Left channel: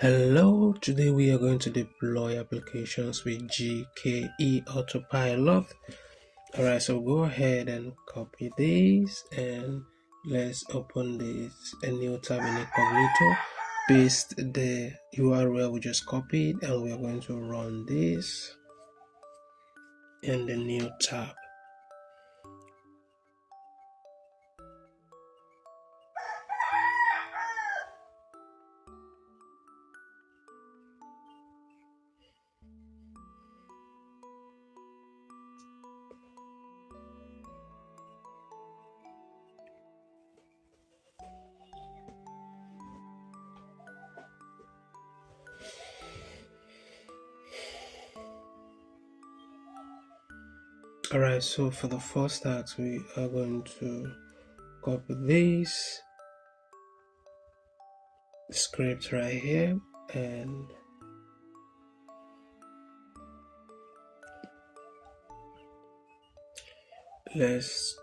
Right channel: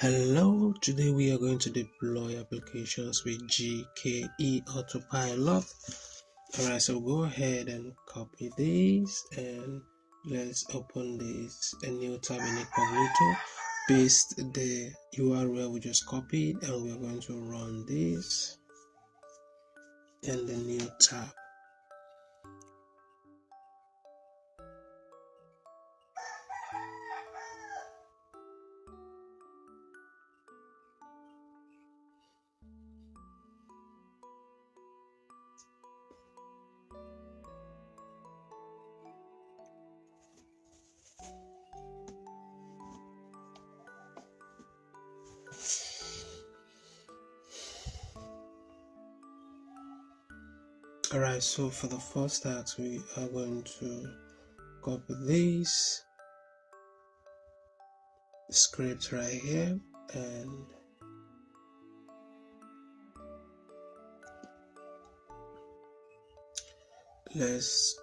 Hello, today we are going to deploy applications with GKE Autopilot. Alright, so go ahead and copy this and let's open this a new tab in incognito. Paste the URL we just copied and we are going to run this in the new tab. Alright, so for the first task we are going to copy this script right here and let's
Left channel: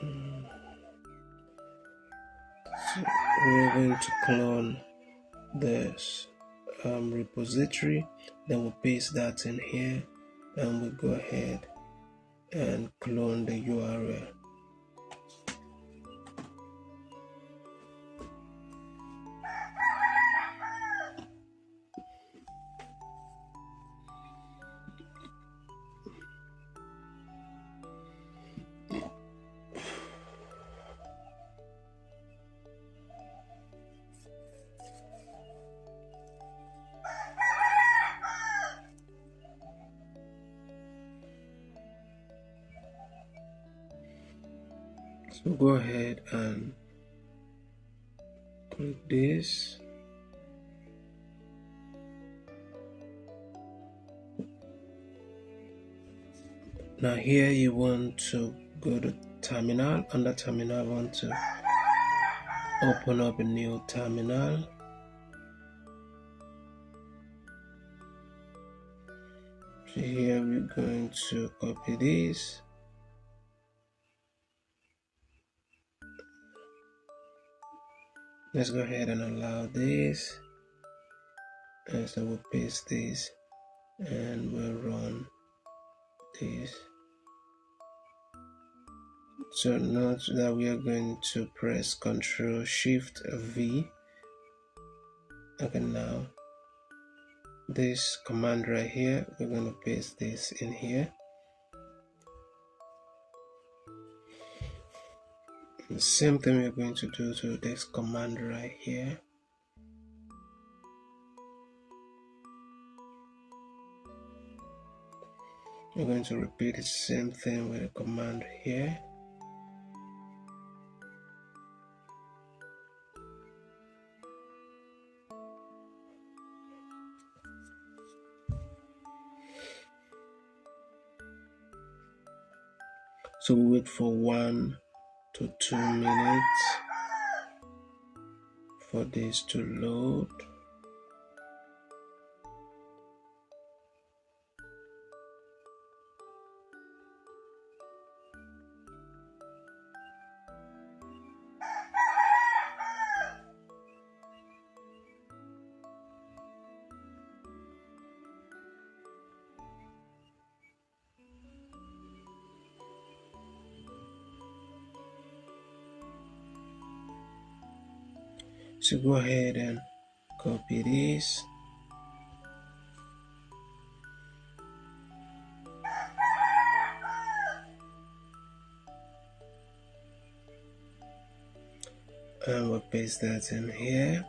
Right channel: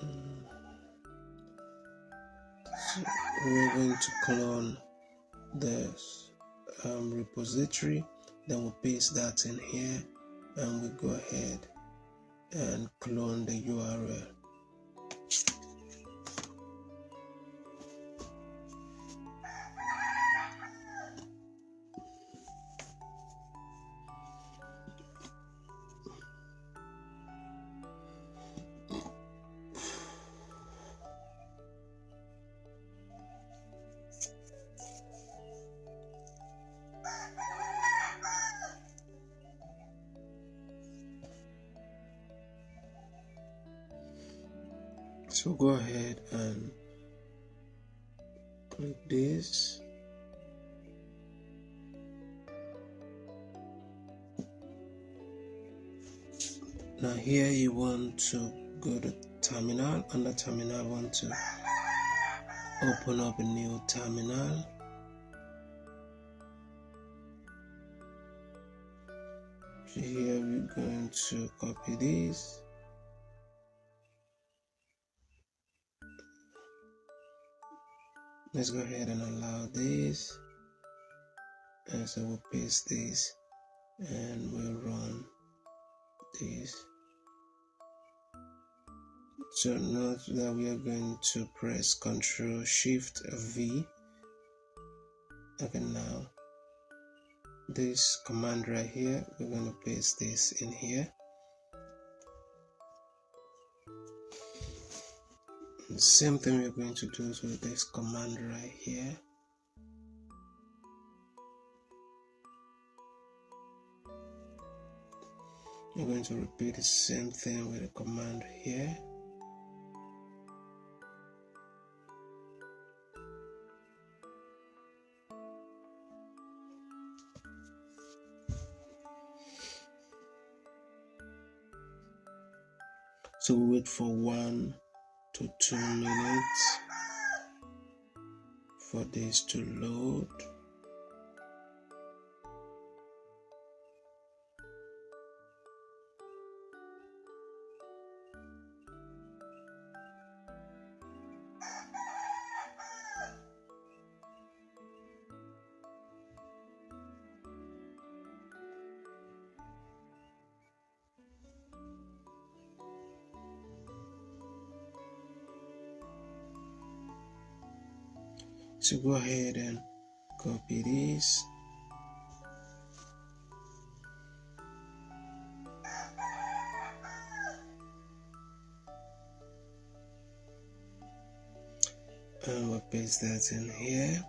so we're going to clone this repository, then we'll paste that in here and we'll go ahead and clone the URL. So go ahead and put this. Now here you want to go to terminal. Under terminal, I want to open up a new terminal. So here we're going to copy this. Let's go ahead and allow this, and so we'll paste this and we'll run this. So now that we are going to press Ctrl Shift V. Okay, now this command right here, we're going to paste this in here. The same thing we're going to do to this command right here. We're going to repeat the same thing with the command here. So we wait for 1 to 2 minutes for this to load. So go ahead and copy this. And we'll paste that in here.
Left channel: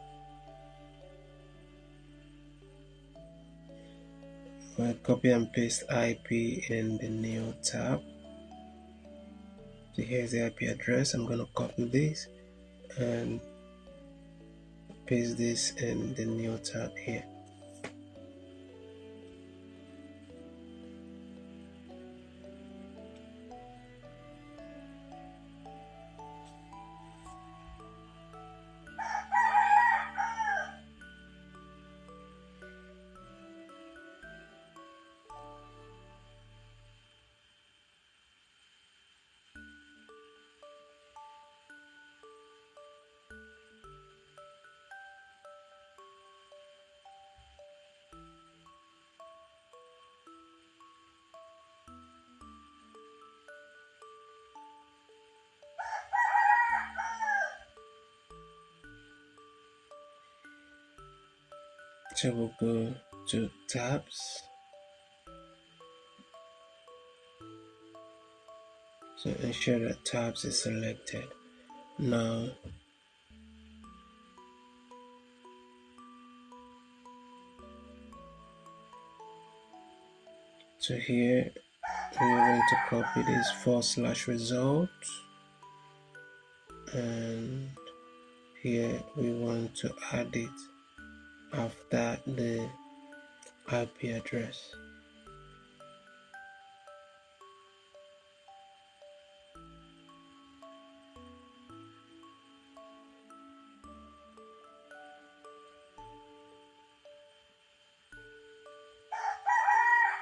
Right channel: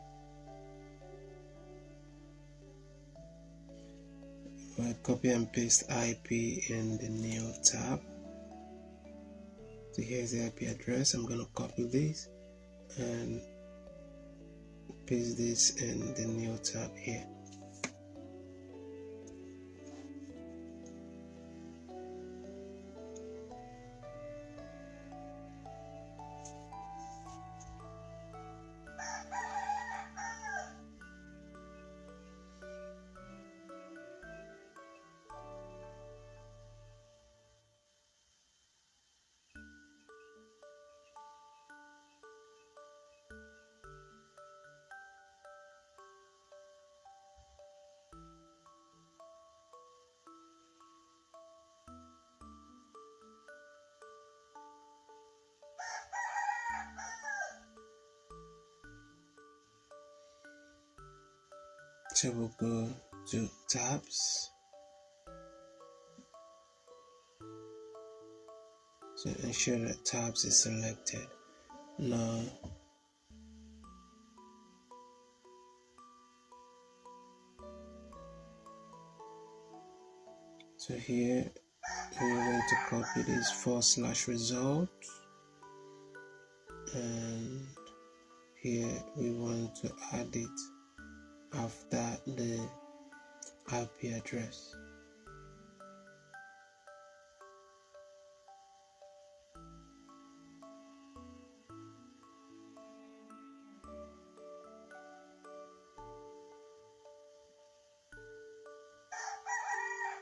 We'll copy and paste IP in the new tab. So here's the IP address. I'm going to copy this and paste this in the new tab here. So we'll go to tabs. So ensure that tabs is selected. Now so here we are going to copy this /result, and here we want to add it after the IP address.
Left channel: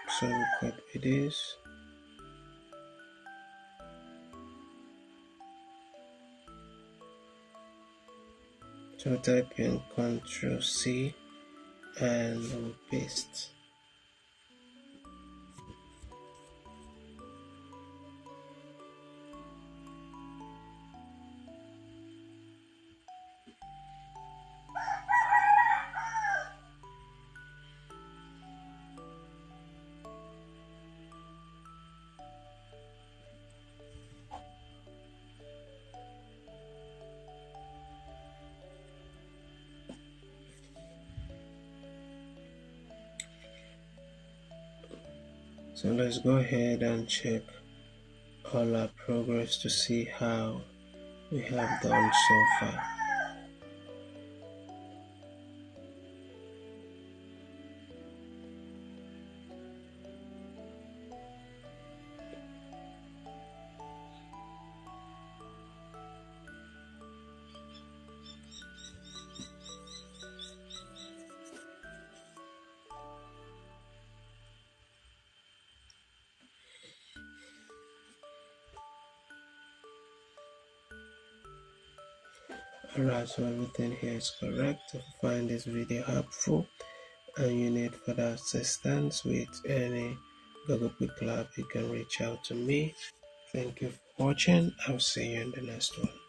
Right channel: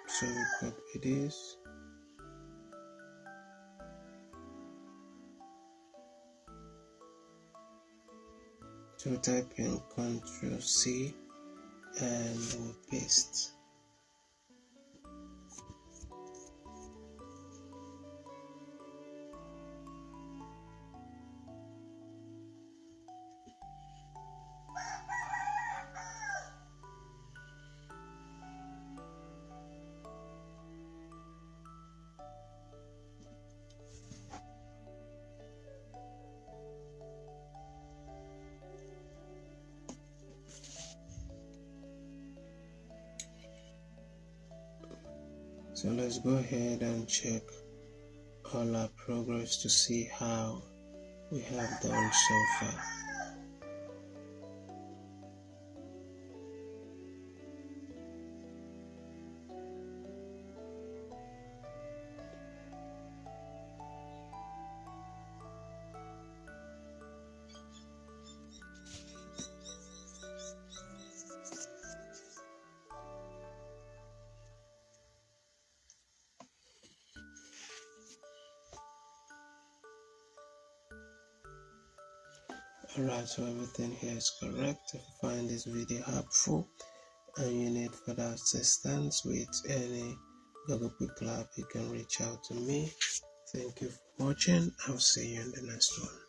So we copy this. So type in Ctrl+C and we'll paste. So let's go ahead and check all our progress to see how we have done so far. Alright, so everything here is correct. If you find this video helpful and you need further assistance with any Google Kubernetes, you can reach out to me. Thank you for watching. I'll see you in the next one.